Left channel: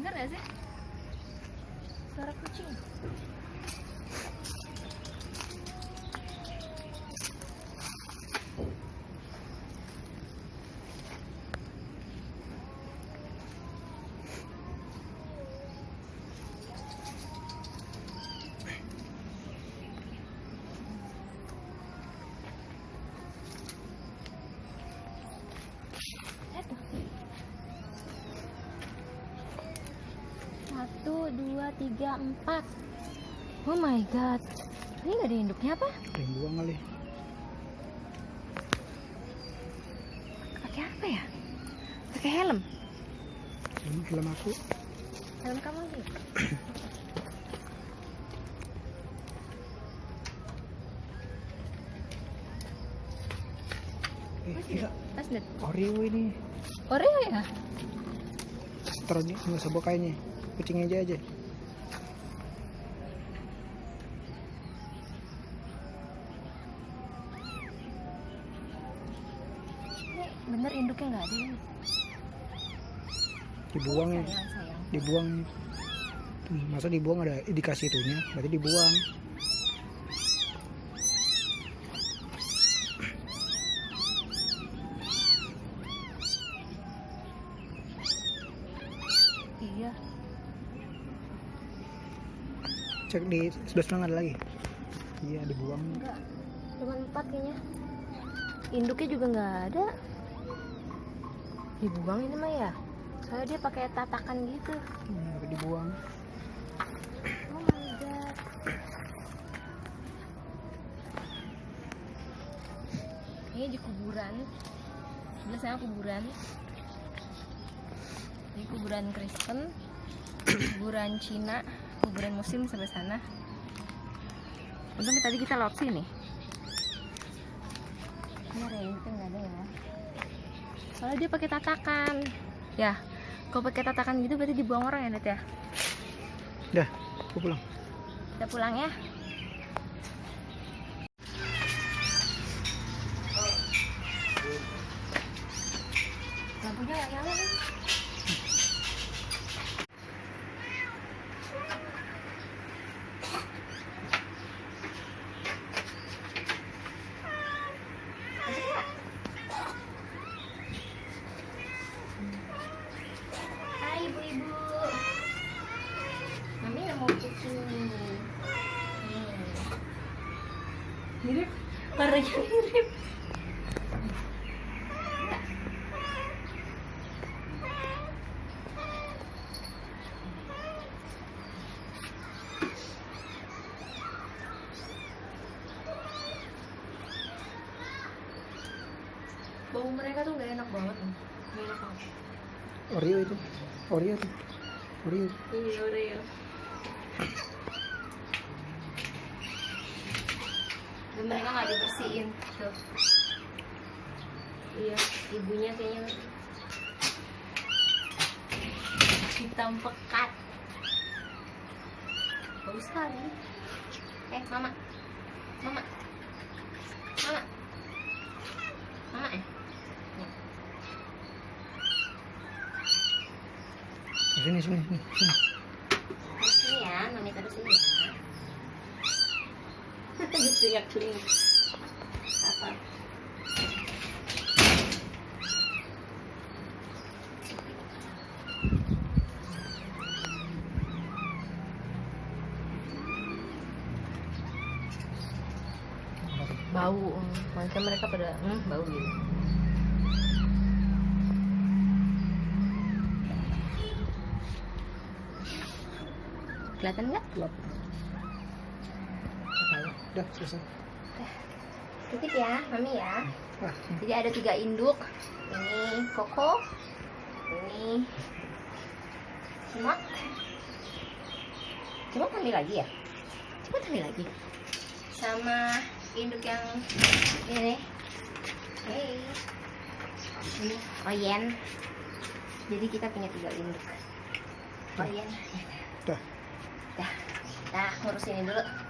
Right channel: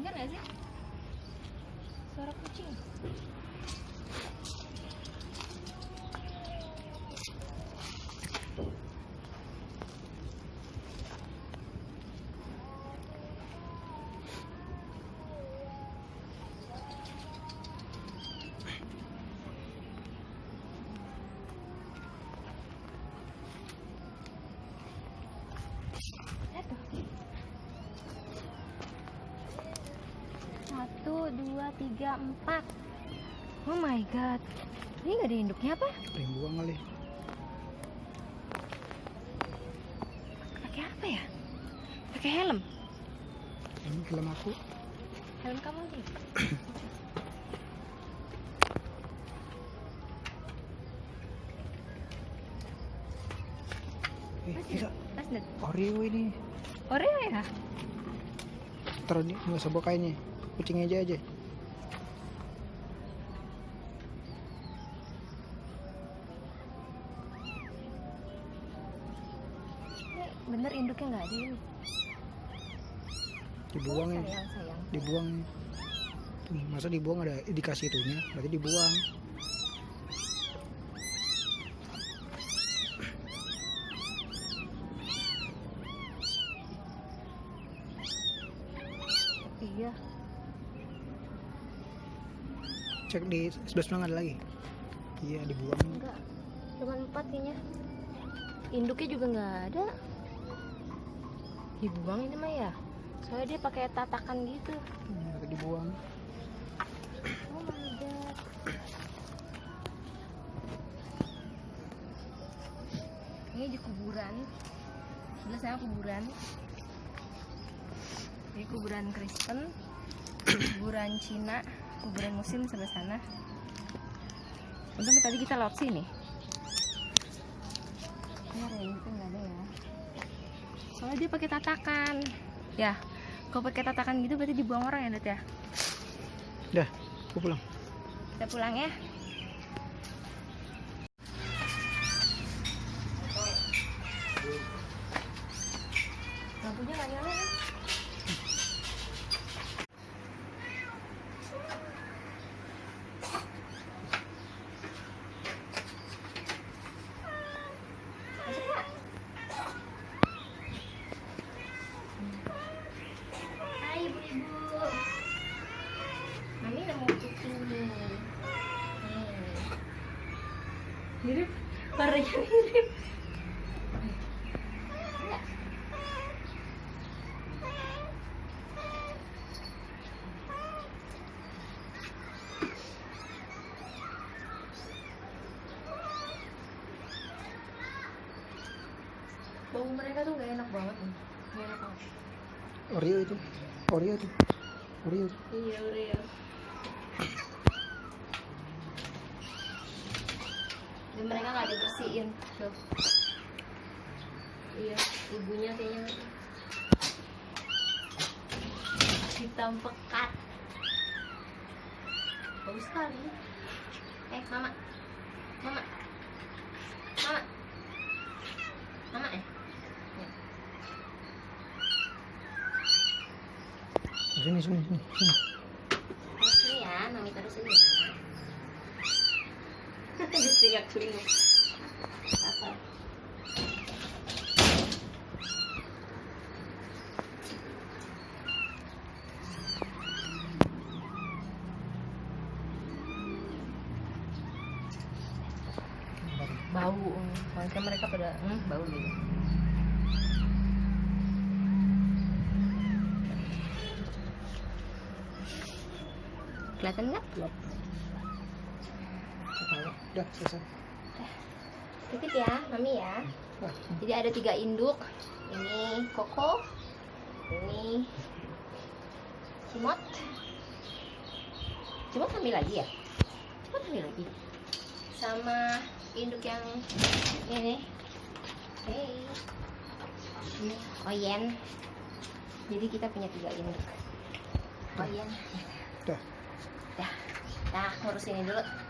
Dengar gak sih? Suara kucing. Satu, dua, tiga, empat. Oh my god. Ini gak ada induknya apa? Ada yang buang kali. Pakai apa ya? Pakai helm. Helm aku. Helm kamu sih. Bisa. Tas deh. Oreo ini. Oreo ya? Taruh di nggak usah bawa kayaknya. Kucingnya aja. Ini bener induknya nggak ada ini. Dibuang ya. Sayang. Dibuang. Masa dibuang ada indikasi itunya? Berarti dibuang. Iya. Cek di sebelah sana ada lagi. Iya dibuang. Enggak. Cuma 4 kayaknya. Induknya juga nggak ada. Dibuang ini mah ya. Soalnya dia pakai tatakan gitu. Tapi dibuang. Oh my god. Ini di kuburan. Sebelah sana kuburan. Di kuburan Kristen, kuburan Cina, kuburan Muslim sebelah sana. Untung tadi kita lewat sini. Ini ada yang nggak ada ya. Soalnya dia pakai tatakan. Ya, kalau pakai tatakan gitu berarti dibuang orang ya, Dad ya. Dah, aku pulang. Kita pulang ya. Lampunya nggak nyala nih. Hai ibu-ibu. Mami mau kucing nih. Mirip, warnanya mirip. Bau mereka tuh gak enak banget nih. Gak enak banget. Oreo itu. Oreo tuh. Oreo. Iya, Oreo. Dan mereka nggak dibersihin tuh. Iya, ibunya kayaknya hitam pekat. Bagus sekali. Mama, mama, mama, mama Sini. Terus sini ya, mami taruh sini ya. Teriak-teriak. Apa? Bau, makanya mereka pada bau gitu. Kelihatan nggak? Gelap. Udah selesai. Titip ya, mami ya. Ah, Jadi ada 3 induk. Ini Koko, ini Cimot. Cimot ambil lagi ya? Cimot ambil lagi. Sama induk yang ini. Hey. Ini Oyen. Jadi kita punya 3 induk. Oyen. Dah. Dah. Nah, ngurus ini dulu.